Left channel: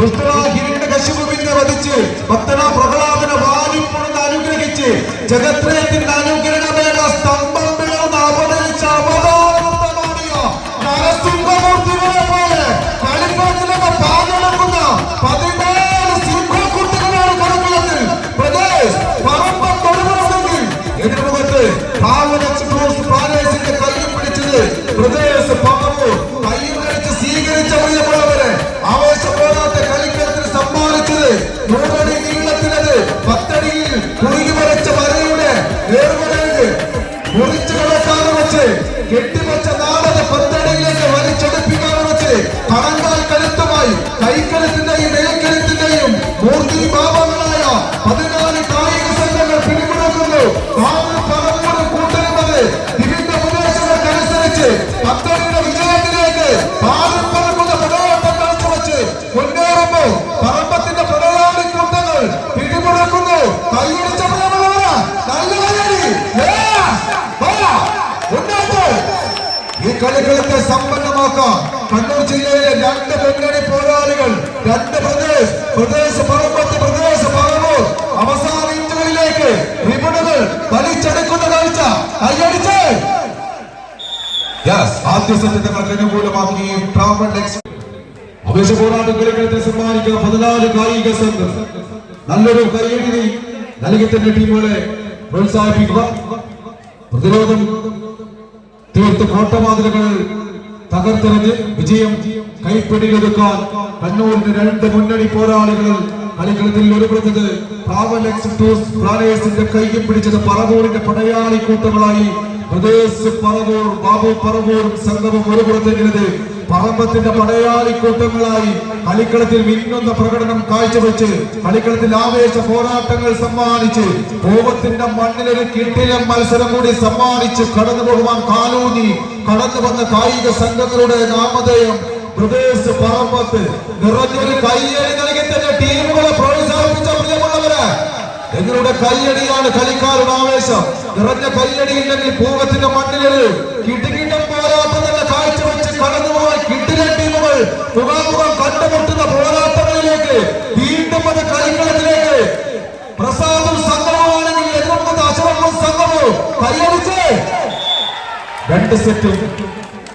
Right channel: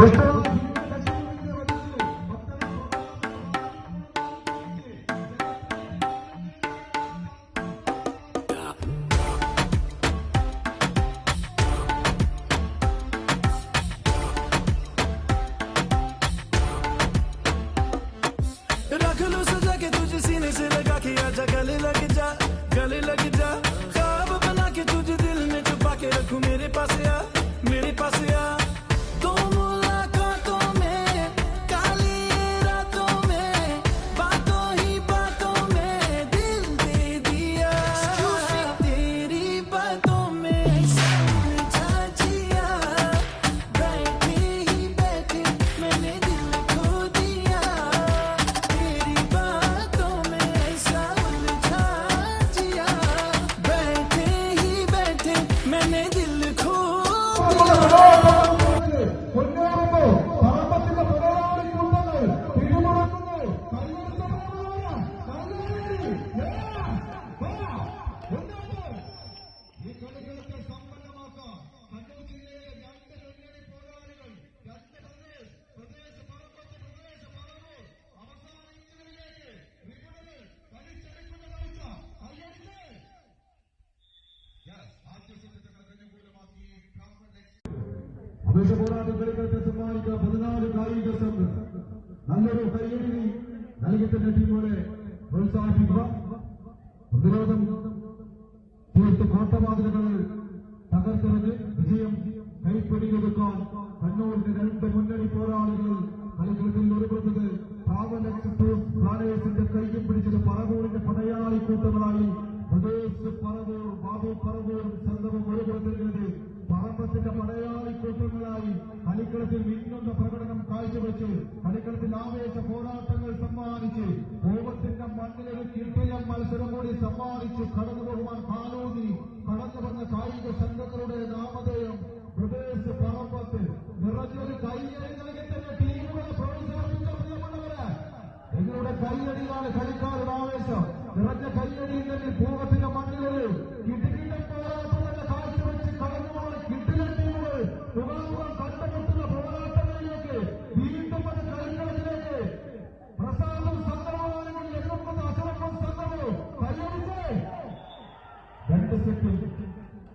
ഹിരണ്യകശിപുവിനെ വധിച്ച് ഭക്തനാ പ്രഹ്ലാദനെ വാരിപ്പുണർന്ന് അനുഗ്രഹിച്ച് ജഗത്രയത്തിന്റെ അനുഗ്രഹമേഖ സ്തംഭം പിളർന്ന് അവതരിച്ച അവതാരമൂർത്തികളെ പോലെ കളിക്കളത്തിലൊക്കെ പാകെടുക്കുന്ന 17 സിംഹക്കുട്ടികളാണ് കളിക്കളത്തിൽ. പ്രദേശ് പറമ്പം കൊടുക്കണമെങ്കിൽ ഇതിനു മുഖത്ത് പാലസിന്റെ കയ്യിൽ പിടിച്ചത് പ്രദേശ് പറമ്പ് കൈമറിച്ച് സ്വീകരിച്ച പ്രിയമുള്ളവരെ ആവേശം പോലാത്ത കളിക്കളത്തിൽ സമ്മാനിച്ചത് മുഴുവൻ നീളത്തിലത് 10 അടിയിൽ കുറുകി വരച്ച വരയുടെ മുറിച്ച് കടക്കാതെ വെച്ച് കെട്ടിവെച്ച നാടക 10 അടിയിലേക്ക് വലിച്ചെടുപ്പിക്കാൻ വെച്ച് കടങ്കാൽ കരുത്തുമായി കൈക്കരുത്തിന്റെയും നിലക്കരുത്തിന്റെയും മൂർത്തി ഭാവങ്ങളായ 14 കായിക സംഘങ്ങൾ പിടിമുടക്കുന്നു. കൂട്ടുന്നത് ഇതിന്റെ പ്രദേശങ്ങൾക്കനുസരിച്ച് പത്തടിയുടെ വിജയത്തിലേക്ക് പാലപ്പറക്കുന്ന പ്രലോഭം വെച്ച് മുന്നേറുമ്പോ പറമ്പത്തിന്റെ പ്രളയാളി കൂട്ടങ്ങൾ പിടിമുടക്കുന്നു. കൈയടിച്ച ഈ കളികളത്തെ സമ്പന്നമാക്കാൻ കണ്ണൂർ ജില്ലയിലെ 2 മുന്നണി പോരാളികൾ 2 പ്രദേശ് പറമ്പത്ത് പ്രദേശ് പറമ്പൂർ അവസാന ഇഞ്ചുകളിലേക്ക് റിബണുകൾ വലിച്ചെടുക്കുന്ന കാഴ്ച കൈയടിച്ച് ആദ്യ സെറ്റ് അനുകൂലമാക്കി അപേക്ഷ പോരാട്ടം കളികളത്തെ സമ്മാനിക്കുന്ന 14 കായിക സംഘം നല്ലൊരു കൈയടി നൽകി തന്നെ ടീമുകളെ പ്രോത്സാഹിപ്പിക്കുക. പ്രതിരോധം തീർത്ത് കോട്ടമാതിലുകൾ തകർത്തെറിഞ്ഞ് വിജയം കൈപ്പിടിയിലൊതുക്കാൻ കണ്ണൂരിന്റെ 2 മുന്നണി പോരാളികൾ കളിക്കളത്തിൽ ഒരുപുറത്തത് പ്ലാനേഴ്സിന്റെ കൈയും പിടിച്ചത് പറവൂരിന്റെ പടയാളി കൂട്ടങ്ങളായി പ്രദേശ് പറവൂർ ബാബു പറവൂരും സംഘവും ഒരുപുറത്തെങ്കിലത് പറമ്പത്തിന്റെ പടയാളി കൂട്ടങ്ങളായി കളിക്കളത്തിൽ മിന്നുന്ന പ്രകടനം കാഴ്ചവെച്ച് കളിക്കളത്തിൽ ആവേശ പോരാട്ടങ്ങൾ സമ്മാനിച്ച് കോപത്തിന്റെ മണ്ണിലൊരു കിട്ടിലം മത്സരം കൂടി സമ്മാനിച്ച് കടന്നു പോകുവാൻ കാലൂന്നി കടന്നു വന്ന കായിക സംഘങ്ങളുടെ നാമധേയം പ്രദേശ് പറമ്പത്ത് നിറഞ്ഞൊരു കൈയടി നൽകി തന്നെ ടീമുകളെ പ്രോത്സാഹിപ്പിച്ച പ്രിയമുള്ളവര് നിങ്ങളുടെ കൈയടിയാണ് കളിക്കാരുടെ ആവേശം. നിറഞ്ഞ കൈയടിയില്ലെങ്കിൽ പൂവത്തിന്റെ മണ്ണിലൊരു കിടുകിടം പോരാട്ടം തന്നെ കാഴ്ചവെച്ച് കടന്നുപോയ കിടിലൻ ടീമുകൾ മുഖാമുഖം കണ്ടുമുട്ടുന്ന പോരാട്ടങ്ങളിലേക്ക് വീണ്ടും അത് കളിക്കളത്തിലേക്ക് പ്രസാദും സംഘവുമാണെങ്കിൽ എതിർക്കുന്ന അശോകും സംഘവും കൈയടിച്ച് 2 സെറ്റും